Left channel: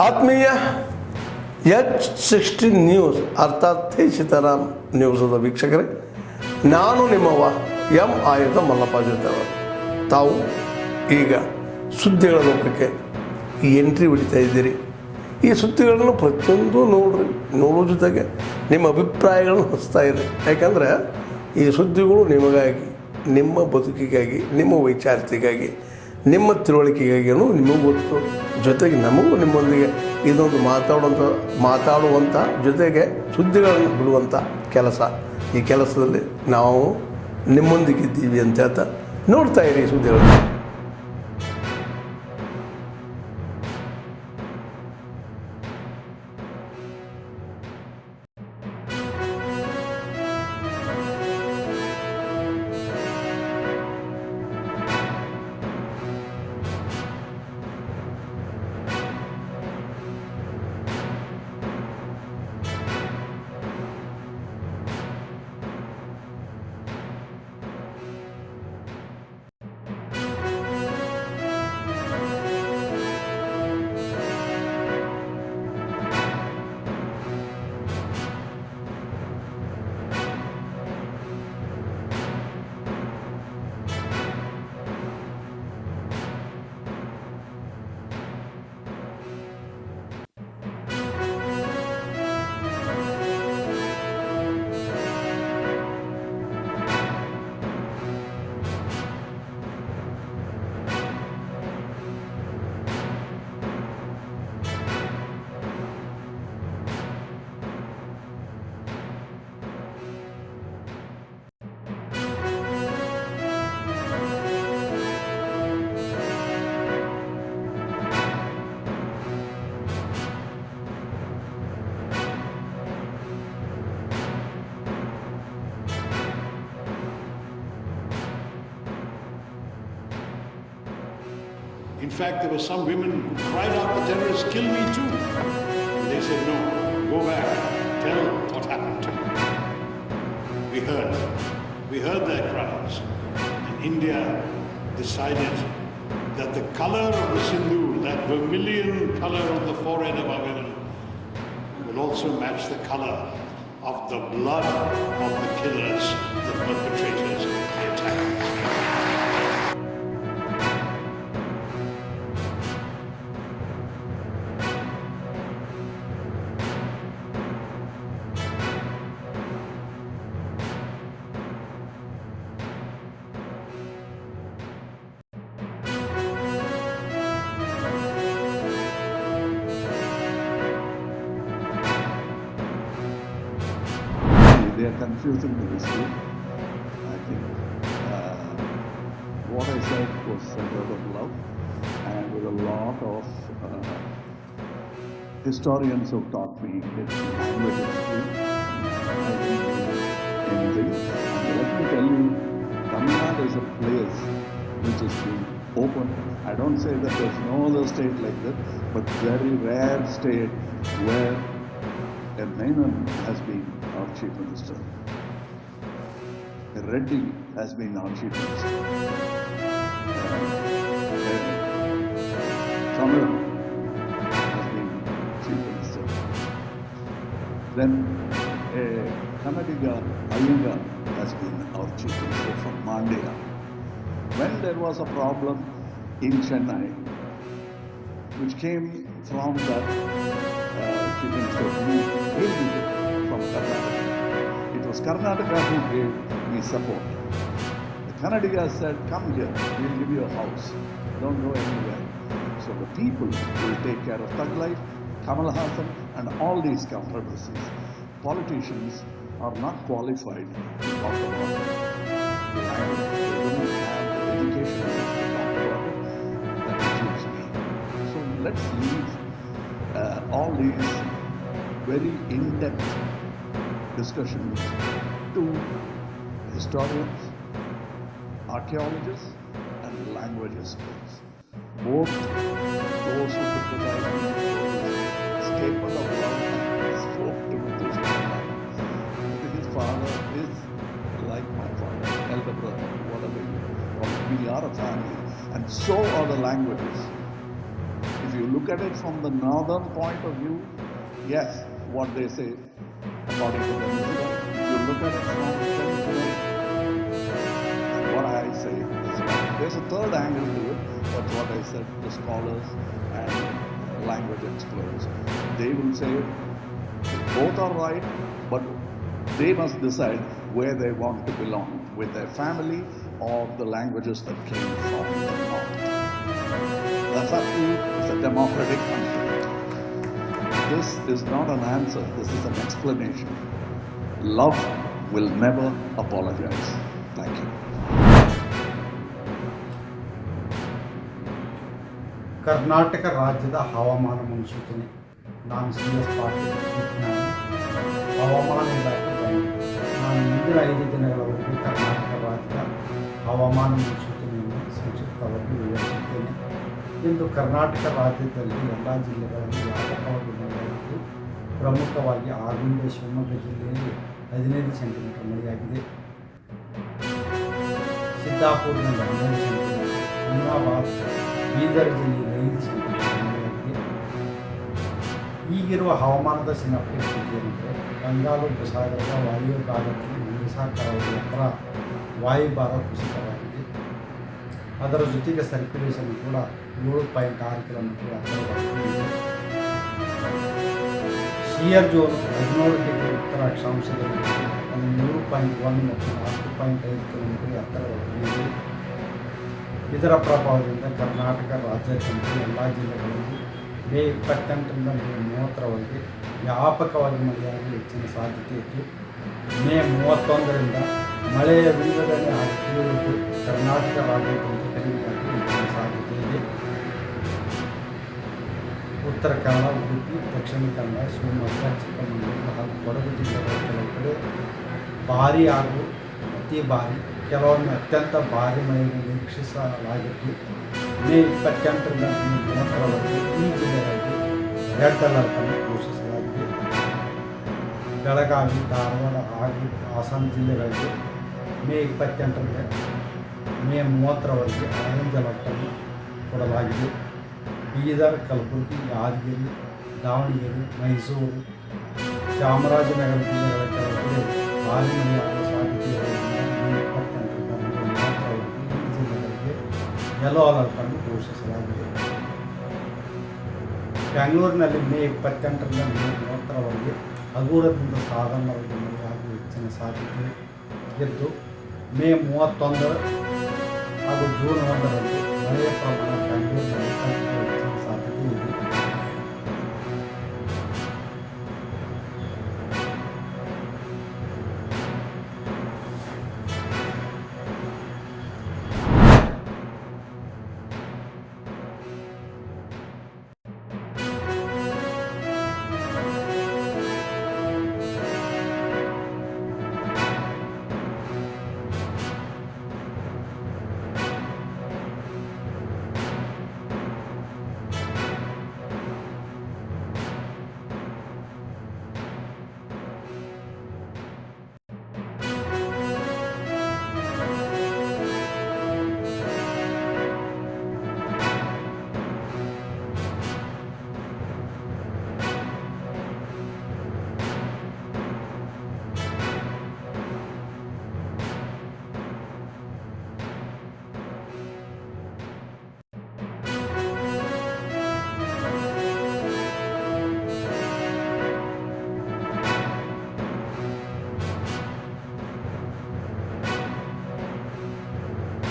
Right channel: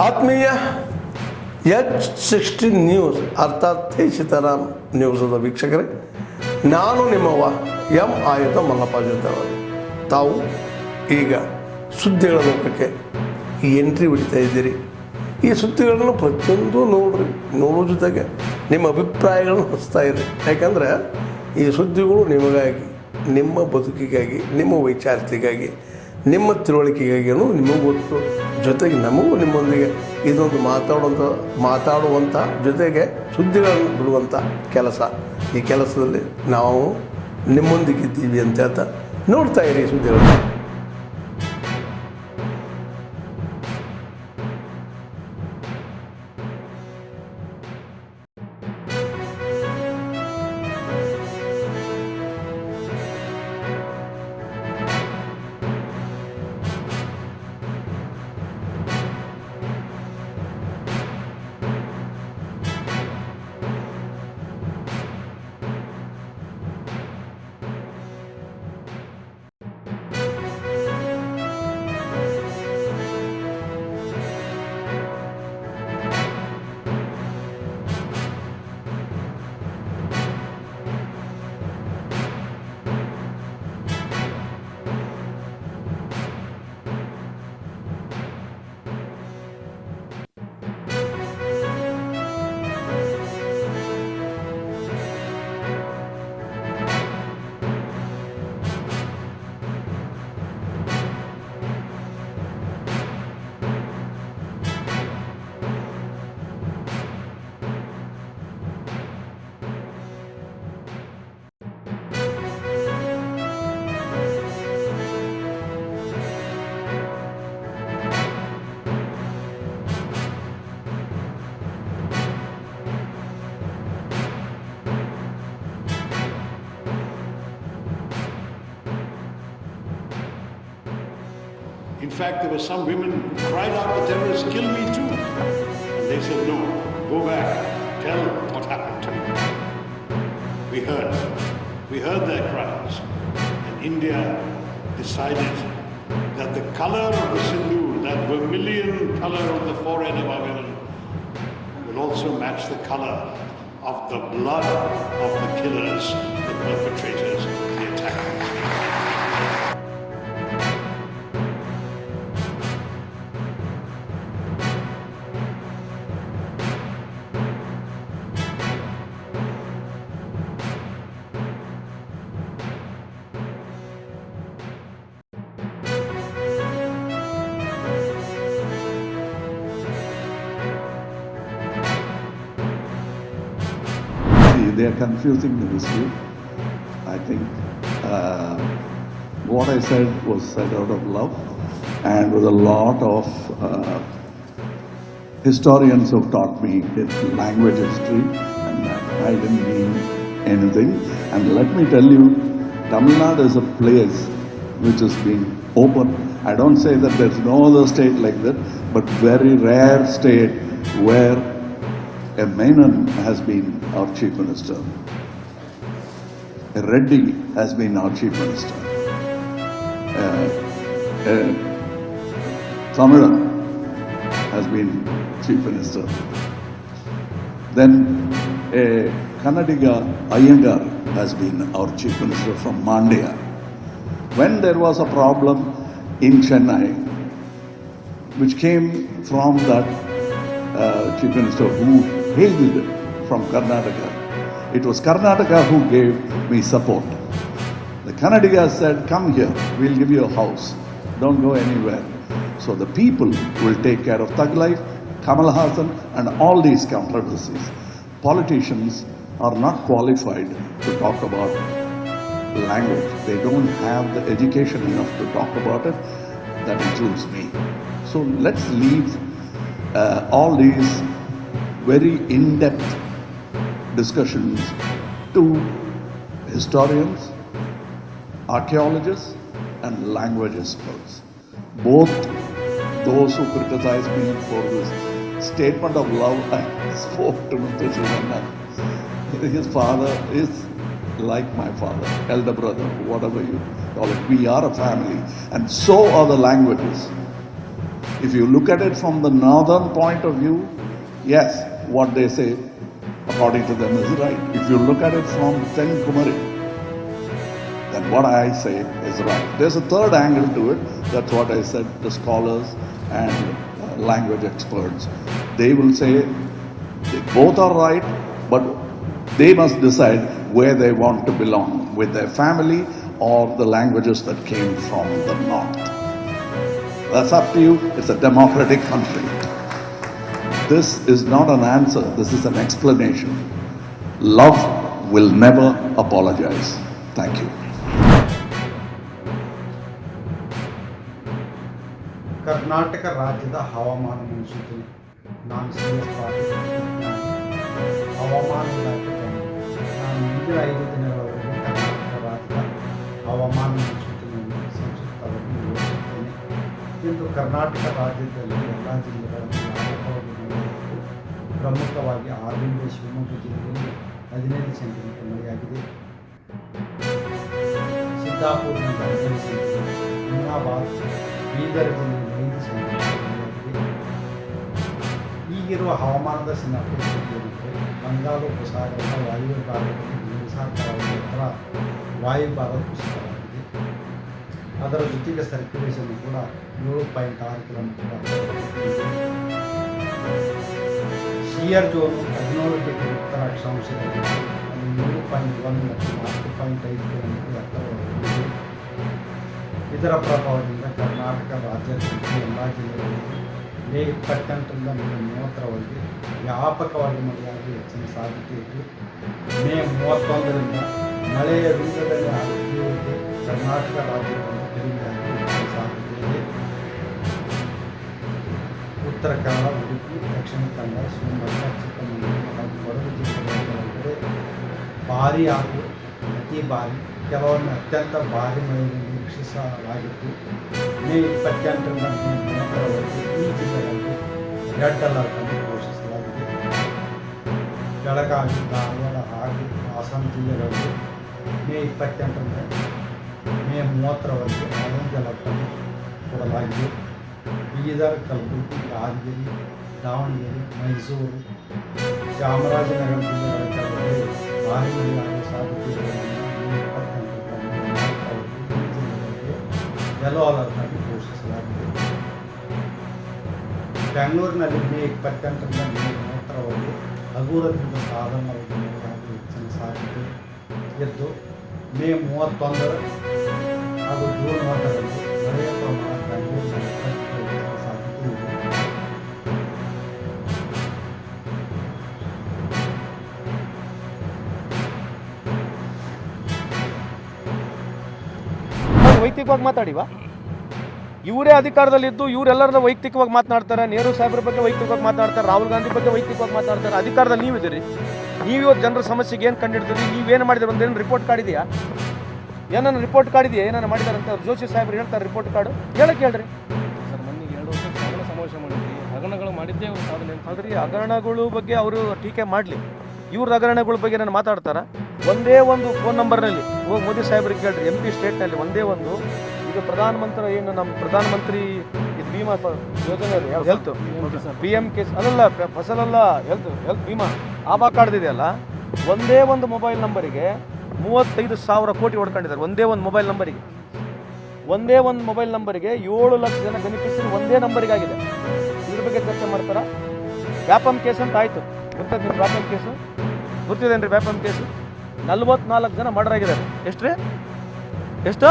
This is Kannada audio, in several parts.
ಆತ್ಮೀಯ H16 ನ್ಯೂಸ್ ಅರ್ಥಾತ್ ತಿ ಸೀತಾರಾಮ್ ನ್ಯೂಸದ ವೀಕ್ಷಕರೇ, ನಾನು ನಿಮ್ಮವ ಎಂ ಆಯುಧ ಮಲ್ಲಪ್ಪ ಜೊತೆವರು. ತಾವು ಈಗ ಸುದ್ದಿಗಳ ಲೋಕಕ್ಕೆ ಎಂಟ್ರಿ ಹೊಡಿತಾ ಇದ್ದೀರಿ. ಈ ಸುದ್ದಿಗಳನ್ನು ಪ್ರತಿಯೊಂದು ನೋಡೋ ಜೊತೆಗೆ ನಿಮ್ಮ ಅಭಿಪ್ರಾಯಗಳನ್ನು ಹಚ್ತಾ ಇರಿ. ಯಾಕಂದರೆ ಈ ಸುದ್ದಿಗಳು ನಿಮಗಾಗಿ, ನಿಮ್ಮ ಬದುಕಿಗಾಗಿ, ನಿಮ್ಮ ವೈಚಾರಿಕೆಗಾಗಿ, ನಿಮ್ಮ ತಿಳುವಳಿಕೆಗಾಗಿಯೂ ನಿಮಗೂ ಗೊತ್ತು. ಜೊತೆಗೆ ನಮಗೂ ನಿಮ್ಮೊಂದಿಗೆ ಇದೊಂದು ಮಾತಾಡುವಂಥ ಜೊತೆಗೆ ಸುದ್ದಿಗಳನ್ನು ಬಿಡುವಂಥ ಕೆಲಸ. ಈ ಕೆಲಸದಲ್ಲಿ ನಾವು ನಿಮ್ಮೊಂದಿಗಿದ್ದೀವಿ ಅಂತ ಹೇಳ್ತಾ ನೋಡ್ತಾ ಇರಿ ಸುದ್ದಿಗಳನ್ನು. In fact, there were some women who cried out, the terrorists, kill me too. And they said, no, go back, tell what happened to you. We heard their cries. And India decided that the color of the sindoor, that vermilion color on the forehead of our women, will also match the color of the blood of the killers, the perpetrators, the attackers. They are confusing the issue. I think what I said was said out of love, and with a lot of historians who taught me language history, and I didn't mean anything. And let me tell you, Tamil Nadu is a place which has been open. I don't say that there's no other state like that, but very rare state where a Menon has been our chief minister. A Reddy has been our chief minister. Tamilan has been chief minister. Then a Kannadiga Iyengar has been our chief minister from Mandya. When there was a problem in Chennai, which came from that chief minister who hailed from Karnataka. It was Karnataka who gave me support. The Kannadiga said, come here, we'll give you a house. Don't go anywhere. So the people will take care of Thug Life, Kamal Hassan and all these controversies. Politicians are not qualified to talk about language. They don't have the education enough to talk about it. That includes me. So let's leave all these very in-depth discussions to historians, archaeologists and language experts. Both those who criticize me for this statement of love I spoke to Mr. Shivanna. His father is like my father, elder brother, whatever you call it. We are a family, and so are the languages. If you look at it from the northern point of view, yes, what they say according to them is right. If you look at it from Tenkumari, then what I say is right. There's a third angle to it. That's what I said, the scholars and language experts. They will say they both are right, but they must decide where they want to belong, with their family or the languages that came from the north. That's up to you. It's a democratic country. This is not an answer, this is an explanation. Love will never apologize. Thank you. Karnataka ರಾಜ್ಯದ ಹವಾಮಾನ ಮುನ್ಸೂಚನೆ. ನಾನು CS ಪಾಟೀಲ್, ವಿಜ್ಞಾನಿ, ಹವಾಮಾನ ಇಲಾಖೆ ಬೆಂಗಳೂರು. ನಾನು ಮುಂದಿನ 5 ದಿನಗಳವರೆಗೆ ಕರ್ನಾಟಕ ರಾಜ್ಯದ ಹವಾಮಾನ ಮುನ್ಸೂಚನೆಯನ್ನು ಸಂಕ್ಷಿಪ್ತವಾಗಿ ವಿವರಿಸುತ್ತೇನೆ ಎಂದು ಕರ್ನಾಟಕ ರಾಜ್ಯದಲ್ಲಿ ಎಲ್ಲ ಜಿಲ್ಲೆಗಳಲ್ಲಿ ವ್ಯಾಪಕವಾಗಿ ಮಳೆಯಾಗಿದ್ದು, ಪ್ರಮುಖವಾಗಿ ಆಗುಂಬೆ ಶಿವಮೊಗ್ಗ ಜಿಲ್ಲೆಯಲ್ಲಿ 15 ಸೆಂಟಿಮೀಟರ್ ಮಳೆಯಾಗಿದೆ. ಸಿದ್ದಾಪುರದಿಂದ 15 ಸೆಂಟಿಮೀಟರ್, ಹುಮ್ನಾಬಾದ್, ಬೀದರ್ ಜಿಲ್ಲೆಯಲ್ಲಿ 5 ಸೆಂಟಿಮೀಟರ್ ಮಳೆಯಾಗಿದೆ. ಈಗಿರುವ ಹವಾಮಾನದ ಸಿನಾಪ್ಟಿಕ್ ಸ್ಥಿತಿ ಏನೆಂದರೆ, ಬಂಗಾಳ ಉಪಸಾಗರದ ವಾಯುವ್ಯ ಭಾಗದಲ್ಲಿ ಒಡಿಶಾ ಕರಾವಳಿ ಹತ್ರ ವಾಯುಭಾರ ಕುಸಿತವಾಗಿದೆ. ಅದರ ಜೊತೆಗೆ ಸರ್ಕ್ಯುಲೇಷನ್ ಕೂಡ 7.6 ಕಿಲೋಮೀಟರ್ ಹತ್ತಿರವಾಗಿದೆ. ಶಿಯರ್ ಝೋನು 17 ಡಿಗ್ರಿ ಉತ್ತರ ಅಕ್ಷಾಂಶದಲ್ಲಿದ್ದು, ಅದು 3.1 ಮತ್ತು 4.5 ಕಿಲೋಮೀಟರ್ ಹತ್ತಿರವಾಗಿದೆ. ಇದರ ಪ್ರಭಾವದಿಂದ ಕರ್ನಾಟಕ ರಾಜ್ಯಾದ್ಯಂತ ಎಲ್ಲ ಜಿಲ್ಲೆಗಳಲ್ಲಿ ಮೇ 28ರಿಂದ ಮೇ 30ರವರೆಗೆ ವ್ಯಾಪಕವಾಗಿ ಮಳೆಯಾಗುವ ಹೆಚ್ಚಿನ ಸಾಧ್ಯತೆ ಇದ್ದು, ಮೇ 31ರಿಂದ ಮಳೆಯ ವಿಂಗಡಣೆ ಹಾಗೂ ತೀವ್ರತೆ ಕರ್ನಾಟಕ ರಾಜ್ಯಾದ್ಯಂತ ಕಡಿಮೆಯಾಗುವ ಹೆಚ್ಚಿನ ಸಾಧ್ಯತೆ ಇದೆ. ಉತ್ತರ ಕನ್ನಡ, ಉಡುಪಿ, ದಕ್ಷಿಣ ಕನ್ನಡ, ಶಿವಮೊಗ್ಗ, ಚಿಕ್ಕಮಗಳೂರು ಹಾಗೂ ಕೊಡಗು ಜಿಲ್ಲೆಗಳ ಕೆಲವು ಕಡೆ ಭಾರೀ ಹಾಗೂ ಅತಿ ಭಾರೀ, ಕೆಲವೊಮ್ಮೆ ಅತ್ಯಂತ ಭಾರೀ ಮಳೆಯನ್ನು ನಿರೀಕ್ಷಿಸಲಾಗಿದ್ದು, ಮೇ 28ರಿಂದ ಮೇ 30ರವರೆಗೆ ಈ ಜಿಲ್ಲೆಗಳಿಗೆ ರೆಡ್ ಅಲರ್ಟ್ ಅನ್ನು ಘೋಷಿಸಲಾಗಿದೆ. ಬೆಳಗಾವಿ, ಧಾರವಾಡ ಹಾಗೂ ಹಾಸನ ಜಿಲ್ಲೆಗಳಿಗೆ ಮೇ 28ರಿಂದ ಮೇ 30ರವರೆಗೆ ಆರೆಂಜ್ ಅಲರ್ಟ್ ಅನ್ನು ಕೊಡಲಾಗಿದೆ. ಬೀದರ್, ಕಲಬುರಗಿ, ಯಾದಗಿರಿ, ದಾವಣಗೆರೆ, ಮೈಸೂರು, ಚಾಮರಾಜನಗರ ಜಿಲ್ಲೆಗಳ ಕೆಲವೆಡೆ ಭಾರೀ ಮಳೆಯಾಗುವ ಸಾಧ್ಯತೆ ಇರುವುದರಿಂದ ಮೇ 28ರಿಂದ ಮೇ 30ರವರೆಗೆ ಈ ಜಿಲ್ಲೆಗಳಿಗೆ ಯೆಲ್ಲೋ ಅಲರ್ಟ್ ಅನ್ನು ಘೋಷಿಸಲಾಗಿದೆ. ಬೆಂಗಳೂರಿನಲ್ಲಿ ಮೇ 28ರಿಂದ ಮೇ 30ರವರೆಗೆ ಹಗುರದಿಂದ ಸಾಧಾರಣವಾಗಿ ಮಳೆಯಾಗುವ ಹೆಚ್ಚಿನ ಸಾಧ್ಯತೆ ಇದ್ದು, ಮೇ 31 ಹಾಗೂ ಜೂನ್ 1ರಂದು ಮಳೆಯ ಪ್ರಮಾಣ ಬೆಂಗಳೂರಿನಲ್ಲಿ ಹೆಚ್ಚಿನ ಸಾಧ್ಯತೆ ಇದೆ. ವೈಯಕ್ತಿಕವಾಗಿ ಮಾತಾಡಿವಾ, ಇವರೇ ಅಧಿಕಾರದಲ್ಲಿದ್ದು ಇವರೆಲ್ಲರ ವೈಯಕ್ತಿಕವಾಗಿ ಮಾತನಾಡ್ತಾರೆ. ನೆಹರು ಸಾಹೇಬ್ರ ಬಗ್ಗೆ ವೈಯಕ್ತಿಕವಾಗಿ ಮಾತಾಡ್ತಾರೆ, ರಾಹುಲ್ ಗಾಂಧಿ ಬಗ್ಗೆ ವೈಯಕ್ತಿಕವಾಗಿ ಮಾತಾಡ್ತಾರೆ. ಅಧಿಕಾರದಲ್ಲಿ ನೀವಿದ್ದೀರಿ, ನೀವು ಇವತ್ತು ಜನರ ಸಮಸ್ಯೆಗೆ ಏನು ಕಂಡಿಡ್ತೀರಿ, ನೀವೇನು ಮಾಡಿದ್ದೀರಿ ಅಂತ ಏನು ರಿಪೋರ್ಟ್ ಕಾರ್ಡ್ ಇದೆಯಾ? ಏನನ್ನ ರಿಪೋರ್ಟ್ ಕಾರ್ಡ್ ಇದೆಯಾ? ಏನಾರು ಮಾಡಿದಾರೆ ಅಂತ ಜೋಶಿ ಸಾಹೇಬ್ರು ಹೇಳ್ತಾರೆ ರಿಪೋರ್ಟ್ ಕಾರ್ಡು, ಹೇಳಕ್ಕೆ ಹೇಳ್ರಿ. ಸರ್, ಮೊನ್ನೆ 2 ವರ್ಷ ಸಮಾವೇಶ ಮಾಡಿದ್ವಿ, ಹಗರಣಗಳು ಮಾಡಿದ್ದೇ ಅವ್ರು ಸಾಧನೆ ಅಲ್ರಿ, ಹಗರಣಗಳು ಬಗ್ಗೆ ಅವರು ಟೀಕೆ ಮಾಡಲಿ, ಇವ್ರ ಹಗರಣಗಳ ಬಗ್ಗೆ ನಾನು ಮಾತಾಡ್ತಾರ. ಒಂದೇ ಒಂದು ಫೋನ್ ನಂಬರ್ನಲ್ಲಿ ಹೋಗಿ ಮೋದಿ ಸಾಹೇಬ್ರಿಗೆ ಕೇಳ್ರಿ, MP ಸ್ಟೇಟ್ನಲ್ಲಿ ಒಂದೇ ಒಂದು, ಇದು ಪ್ರಧಾನಮಂತ್ರಿ ಏನು ನಮ್ಮ ಪ್ರಧಾನಮಂತ್ರಿ ವಿಮಾ ಯೋಜನೆ ಹೆಲ್ತ್ BM ಕೇಸ್ ಅಲ್ಲ, ಫಸಲಲ್ಲ, ಹೆಲ್ತ್ ವಿಮಾ ಆಭಾ ಕಾರ್ಡ್ದಿದೆಯಲ್ಲ, ಒಂದೇ ಒಂದು ಮೊಬೈಲ್ ನಂಬರಿಗೆ 35,000 ಕೋಟಿ ಹೊಡ್ಕೊಂಡಿದ್ದಾರೆ. ಒಂದೇ ಒಂದು ಮೊಬೈಲ್ ನಂಬರಿಗೆ 7 ಲಕ್ಷ ಜನ ಬೆನಿಫಿಷರಿ ಒಂದೇ ನಂಬರಿಗೆ ಆಗಿದೆ. ಇದ್ರ ಬಗ್ಗೆ ಚರ್ಚೆ ಮಾಡ್ತಾರ. ವ್ಯಾಪಮ್ ಕೇಸ್ ಅಂತ ಆಯಿತು, ಗೊತ್ತಾಯ್ತು ನಿಮ್ಮ ವ್ಯಾಪಮ್ ಕೇಸು ಗೊತ್ತಿದೇನ್ರಿ? ವ್ಯಾಪಮ್ ಕೇಸು 44 ಜನ ಮರ್ಡರ್ ಆಗಿದ್ದಾರೆ. ಎಷ್ಟು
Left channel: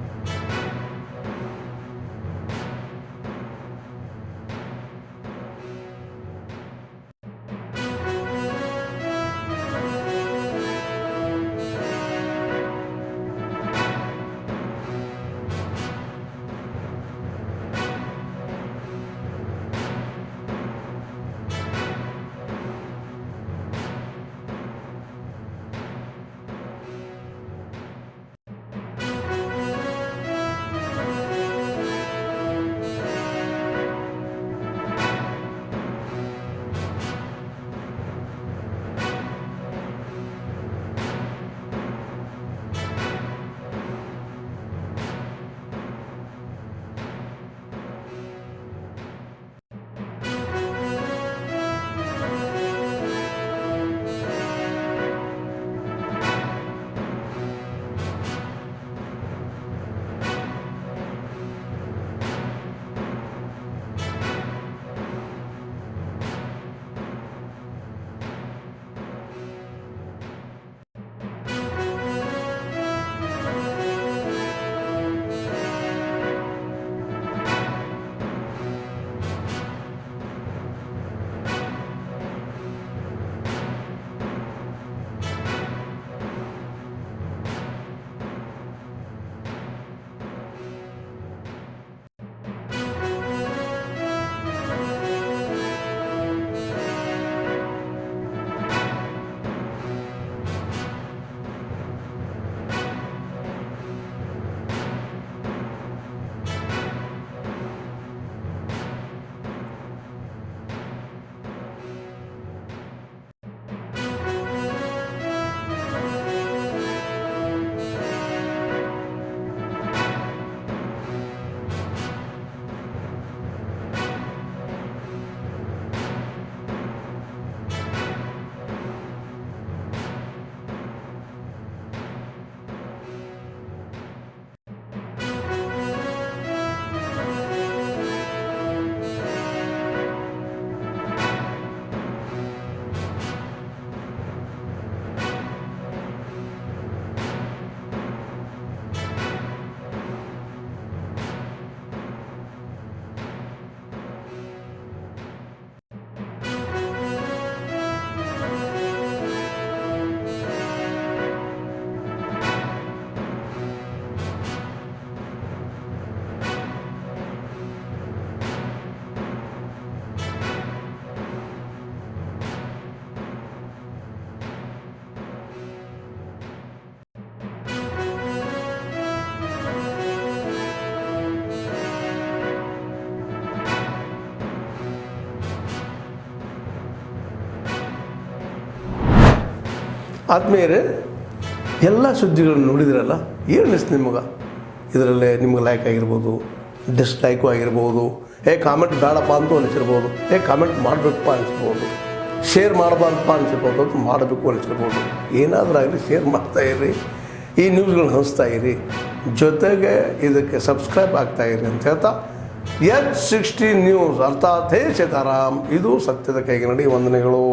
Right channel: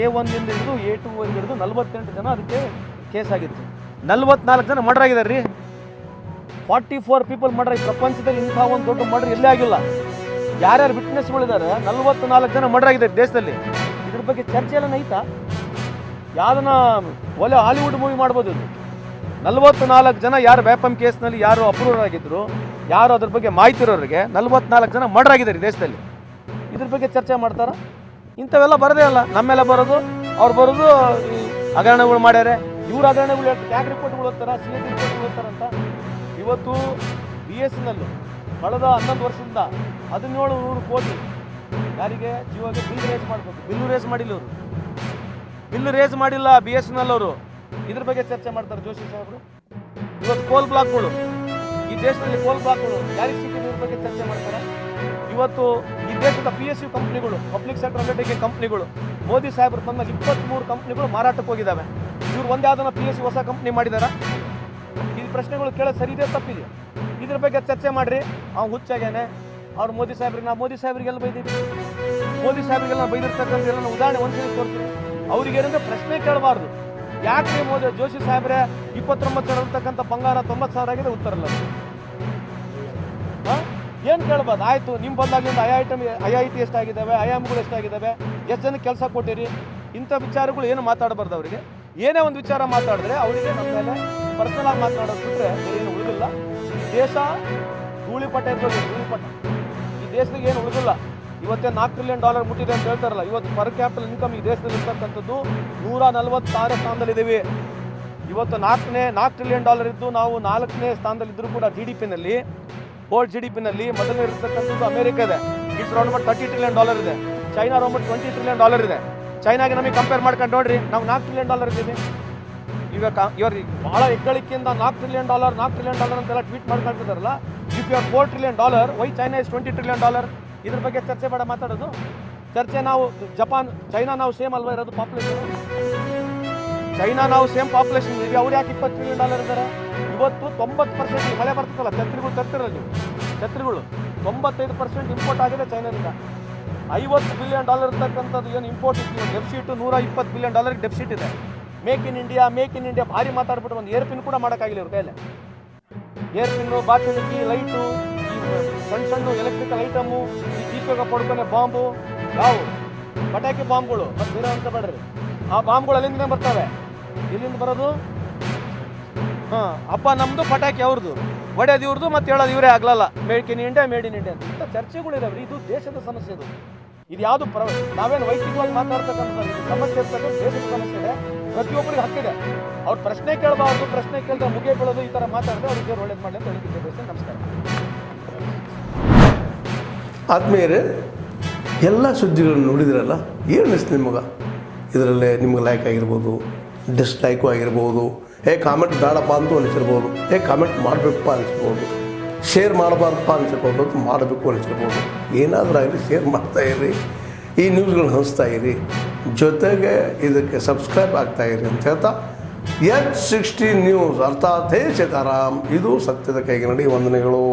A1 ಇಂದ ಹಿಡಿದು A2 ಹಿಡಿದು 48 ಜನ ಅದಕ್ಕೆ ಕೇಸ್ ಆಗಿತ್ತು. 44 ಜನ ಮರ್ಡರ್ ಆಗಿದ್ದಾರೆ ರೀ. 44 ಪೀಪಲ್ ಮರ್ಡರ್ ಆಗಿ ಪ್ರಪಂಚದಲ್ಲಿ ಇಂಥ ಒಂದು ದೊಡ್ಡ ಮರ್ಡರ್ ಎಲ್ಲೇ ಆಗಿಲ್ಲ. ಯಾರ್ಯಾರು ವಿಟ್ನೆಸ್ಗಳಿದ್ದಾರೆ, 44 ಜನ ಮರ್ಡರ್ ಆಗಿದ್ದಾರೆ ದೇಶದಲ್ಲಿ. ಇದ್ರ ಬಗ್ಗೆ ಚರ್ಚೆ ಎಲ್ಲ ಐತಾ? ಯಾವ್ದನ್ನ ಒಳ್ಳೆ ಹಾಲಿವುಡ್ ಮೂವಿ ಮಾಡ್ಬೋದು. 44 ಜನ ಯಾರು ವ್ಯಾಪಮ್ ಕೇಸ್ನಲ್ಲಿ ಯಾರು ಅಪ್ರೂವರ್ ಆಗಿದ್ರು, ಯಾರು ಅದ್ರ ಬಗ್ಗೆ ಮಾಹಿತಿ ಇರೋರಿಗೆ 44 ಜನ ಮರ್ಡರ್ ಆಗಿದ್ದಾರೆ ದೇಶದಲ್ಲಿ. ಇದ್ರ ಬಗ್ಗೆ ಚರ್ಚೆ ಮಾಡ್ತಾರ? ಇಂಥವೆಲ್ಲ ಬರೋದೇ ಅಲ್ಲ, ನಮ್ಮೆಲ್ಲ ಬರೋದು, ಅವ್ರು ಬರೋದು ಹಗರಣಗಳು ಮಾಡ್ಯಾರೆ, ಇವ್ರು ಹಗರಣಗಳು ಯಾಕೆ ರಿಪೋರ್ಟ್ಗಳು ಓದ್ತಾರ, CAG ರಿಪೋರ್ಟ್ಗಳು ಓದ್ತಾರಂತ. ಇವತ್ತು BSNL ಕಳೆದ 11 ವರ್ಷದಿಂದ 1700 ಕೋಟಿ ಯಾರಿಗೆ ಜಿಯೋಗೆ ಬಿಲ್ ರೇಸ್ ಮಾಡಬೇಕು. ಬಿಲ್ ರೇಸ್ ಮಾಡಿಲ್ಲ BSNL ಅವರು. ಇದ್ರ ಬಗ್ಗೆ ಚರ್ಚೆ ಮಾಡ್ತಾರೆ ಜೋಶಿ ಸಾಹೇಬರು. ಇವತ್ತು ಕೋಲ್ ಬ್ಲಾಕ್ಗಳು, ಈ ದೇಶದಲ್ಲಿ ಕೋಲ್ ಬ್ಲಾಕ್ಗಳು ಜಾರಿ ಸ್ಥಿತಿ ಬಗ್ಗೆ ಚರ್ಚೆ ಮಾಡ್ತಾರೆ. ಇವತ್ತು ಈ ದೇಶದ PSU ಕಂಪ್ನಿಗಳು, ಪಬ್ಲಿಕ್ ಸೆಕ್ಟರ್ ಅಂಡರ್ಟೇಕಿಂಗ್ ಕಂಪ್ನಿಗಳು, ಮೋದಿ ಸಾಹೇಬರು ತನ್ನ 23 ಕಂಪ್ನಿಗಳು ಮಾರಾಟಕ್ಕೆ ಹೋಗಿದ್ದಾವೆ. ಇವ್ರು ಒಂದೇ ಯಾವ್ದನ್ನ PSU ಹೊಸ ಕಂಪ್ನಿ ಮಾಡಿದಾರ? ಈ ಪ್ರಶ್ನೆಗಳು ಕೇಳೋದು ಸರಿ ಇದೆ ತಪ್ಪಿದೆ? ಇದ್ರ ಬಗ್ಗೆ ಚರ್ಚೆ ಮಾಡ್ರಿ. ಅವ್ನು ಹುಚ್ಚಾಗೇನೆ, ಅವ್ರು ಮೋದಿ ಸಾಹೇಬ್ರಿಗೆಲ್ಲ ಬೈದಿದ್ದೀವಿ, ಮೋದಿ ಸಾಹೇಬ್ರಿಗೆಲ್ಲ ಬೈದಿರ್ತಕ್ಕಂಥ ಉದಾಹರಣೆ ಒಂದ್ಸರಿ ತೋರಿಸ್ತೀವಿ. ಅವ್ರಿಗೇನಂದ್ರೆ ಪ್ರಶ್ನೆ ಕೇಳಬಾರ್ದು. ಯಾಕೆ ಮೋದಿ ಜೋಶಿ ಸಾಹೇಬ್ರೆ 29 ಇರ್ತಕ್ಕಂಥ ಬಂಗಾರ 90,000 ಆಗಿದೆ, ಉತ್ತರ ಇಲ್ಲ. ಏನು ಕೇಳ್ಬಾರ್ದು? ಆಯಿತು, ನಿಮ್ಮ ಬಂದಾಗಲಿಂದ IIT ಎಷ್ಟಾಗಿದ್ದಾವೆ, IIMಗಳು ಎಷ್ಟಾಗಿದ್ದಾವೆ, ಎಷ್ಟು ಜನಕ್ಕೆ ಕೆಲಸ ಕೊಟ್ಟಿರಿ, ಇಂಥ ವಿಚಾರಗಳು ಏನು ಮಾತಾಡಬಾರ್ದು. ಅವರಿಗೆ ಏನೇ ಒಂದು ವಿಚಾರ ಮಾತಾಡಿದ್ರೆ ಅವರಿಗೆ ನಮ್ಮ ಮೇಲೆ ಪರ್ಸನಲ್ ಮಾತನಾಡೋದ್ರೆ ಏನು ಉಳಿದಿಲ್ಲ. ದೇಶ ಧೂಳಿಪಟ ಇಟ್ಕೊಳ್ಳಿ, ಧೂಳಿಪಟ. ಈ ದೇಶದಾಗ ಏನು ಉಳಿದಿಲ್ಲ. ಇವತ್ತೇ $4 ಟ್ರಿಲಿಯನ್ ಮುಟ್ಟಿದೆ ಅಂತ ಹೇಳ್ತಾರಲ್ಲ. ಇವತ್ತು ಪರ್ ಕ್ಯಾಪಿಟಲ್ ಇನ್ಕಮ್ ಈ ದೇಶದಲ್ಲಿ ಇರ್ತಕ್ಕಂಥದ್ದು 146 ಸ್ಥಾನದಲ್ಲಿದ್ದೀವಿ. ಇವತ್ತು $4 ಟ್ರಿಲಿಯನ್ ಇದ್ದು ನಾವು 4ನೇ ಸ್ಥಾನದಲ್ಲಿದ್ದರೂ ಕೂಡ GDP-ನಲ್ಲಿ, ವರ್ಲ್ಡ್ GDP-ನಲ್ಲಿ ಮೊದಲನೇ ಇರತಕ್ಕಂಥದ್ದು ಅಮೆರಿಕ ಇದೆ. ಇಟ್ಸ್ ರೌಂಡ್ ಅಬೌಟ್ $30 ಟ್ರಿಲಿಯನ್ ಇದೆ. ಚೈನಾ ರೌಂಡ್ ಅಬೌಟ್ $20 ಟ್ರಿಲಿಯನ್ ಇದೆ. ಚೈನಾಗೆ ನಮಗೆ ಕಂಪೇರ್ ಮಾಡ್ಕೊಂಡು ನೋಡ್ರಿ, ನಾವು $4 ಟ್ರಿಲಿಯನ್ ಇದ್ದೀವಿ. ಇವಾಗ ಇವ್ರಿಗೆ ಭಾಳ ಹೆಗ್ಗಳಿಕೆಯಿಂದ $4 ಟ್ರಿಲಿಯನ್ ಅಂತೆಲ್ಲ ಟ್ವೀಟ್ ಮಾಡ್ಕೊಳ್ತಿದ್ದಾರಲ್ಲ. If you are $4 trillion, why China is $20 trillion? ಇದ್ರ ಬಗ್ಗೆ ಚರ್ಚೆ ಮಾಡ ಮಾತಾಡೋದು ಚರ್ಚೆ. ನಾವು ಜಪಾನ್, ಚೈನಾ ನಾವು ಸೇಮ್ ಅಲ್ವಾ ಇರೋದು ಪಾಪ್ಯುಲೇಷನ್? ಚೈನಾ ನಾವು ಸೇಮ್ ಪಾಪ್ಯುಲೇಷನ್ ಇದೆ. ಅವ್ರು ಯಾಕೆ $20 ಟ್ರಿಲಿಯನ್ ಇದ್ದಾರೆ? ಇವತ್ತು 90% ಮಳೆ ಬರ್ತಲ್ಲ, ಛತ್ರಿಗಳು 95% ಇಂಪೋರ್ಟ್ ಆಗಿದೆ ಚೈನಾದಿಂದ. $50 ಬಿಲಿಯನ್ ಇರ್ತಕ್ಕಂಥದ್ದು ಏನು ಇಂಪೋರ್ಟ್ ಇತ್ತು, ಡೆಫಿಸಿಟ್ $120 ಬಿಲಿಯನ್ ಡೆಫಿಸಿಟ್ ಇದೆ. ಮೇಕ್ ಇನ್ ಇಂಡಿಯಾ ಭಾರಿ ಮಾತಾಡ್ಬಿಟ್ಟು ಒಂದು ಏರ್ಪಿನ್ ಕೂಡ ಮಾಡೋಕ್ಕಾಗಿಲ್ಲ ಇವ್ರ ಕೈಯಲ್ಲಿ. ಏರ್ಪಿನ್ನು, ಬಾಚಣಿಗೆ, ಲೈಟು, ಸಣ್ಣ ಎಲೆಕ್ಟ್ರಿಕಲ್ ಐಟಮು, ಈ ದೀಪಕ ಪಡ್ಕೊನೆ ಬಾಂಬು, ಯಾವು ಪಟಾಕಿ ಬಾಂಬ್ಗಳು, ಮತ್ತು ಬೇರೆ ಅಂತ ಬೇಡ್ರಿ. ಆ ಬಾಂಬ್ಗಳು ಅಲ್ಲಿಂದ ಬರ್ತವೆ. ಎಲ್ಲಿಂದ ಬರೋದು? ಅಪ್ಪ ನಮ್ಮದು, ಪಟಾಕಿ ಅವ್ರದ್ದು, ಒಡೆಯೋದು ಇವ್ರದ್ದು, ಮತ್ತು ಹೇಳೋದು ಇವರೇ ಆಗಲ್ಲ. ಮೇಡ್ ಇನ್ ಇಂಡಿಯಾ ಅಂತ ಇಂಥ ಚರ್ಚೆಗಳಿದಾವೆ. ಇದು ದೇಶದ ಸಮಸ್ಯೆ. ಇದು ಯಾವುದು ನಾವೇನು ವೈಯಕ್ತಿಕವಾಗಿ ಮಾತಾಡ್ತಕ್ಕಂಥ ಸಮಸ್ಯೆ ಇರ್ತಕ್ಕಂಥ ದೇಶದ ಸಮಸ್ಯೆ ಇದೆ. ಪ್ರತಿಯೊಬ್ಬರಿಗೆ ಹಕ್ಕಿದೆ. ಅವ್ರು ಪ್ರಶ್ನೆ ಕೇಳಬಾರ್ದು, ಪ್ರಶ್ನೆ ಕೇಳಿದ್ರೆ ಮುಗಿಯ ಬೀಳೋದು, ಈ ಥರ ಮಾತಾಡಿದ್ರೆ ಅವ್ರಿಗೆ ಒಳ್ಳೇದು ಮಾಡಿ ಅಂತ ಹೇಳ್ತಿದ್ದೆ. ನಮಸ್ಕಾರ. ಆದ್ಮೇಲೆ ಎಲ್ಲ ಸುದ್ದಿಗಳನ್ನು ನೋಡಿದ್ರಲ್ಲ, ಏನು ಅನಿಸ್ತು ನಿಮಗೆ? ಇದರಲ್ಲೇ ನಿಮ್ಗೆ ಲೈಕ್ ಆಗಿರ್ಬೋದು, ಡಿಸ್ಲೈಕು ಆಗಿರ್ಬೋದು, ಕಾಮೆಂಟ್ ಬೇಡಪ್ಪ ಅಂತೂ ಅನಿಸಿರ್ಬೋದು, ಕಾಮೆಂಟ್ ಮಾಡಬೇಕಪ್ಪ ಅನಿಸ್ಬೋದು, ಶೇರ್ ಮಾಡಬಾರ್ದಪ್ಪ ಅನಿಸಿರ್ಬೋದು, ಅದು ಮಾಡಬೇಕು ಅನಿಸಿರ್ಬೋದು. ಏನಾದರೂ ಆಗಲಿ ಶೇರ್ ಮಾಡ್ತಾಯಿರಿ, ಈ ನ್ಯೂಸ್ಗಳನ್ನ ಹಂಚ್ತಾ ಇರಿ, ಜೊತೆಗೆ ಇದಕ್ಕೆ ಸಬ್ಸ್ಕ್ರೈಬ್ ಆಗ್ತಾಯಿರಿ ಅಂತ ಹೇಳ್ತಾ H16 ನ್ಯೂಸ್ ಅರ್ಥಾತ್ ಹೇ ಸೀತಾರಾಮ್, ಇದು ಸತ್ಯದ ಕೈಗೆ ನಡಿ. ವಂದನೆಗಳು.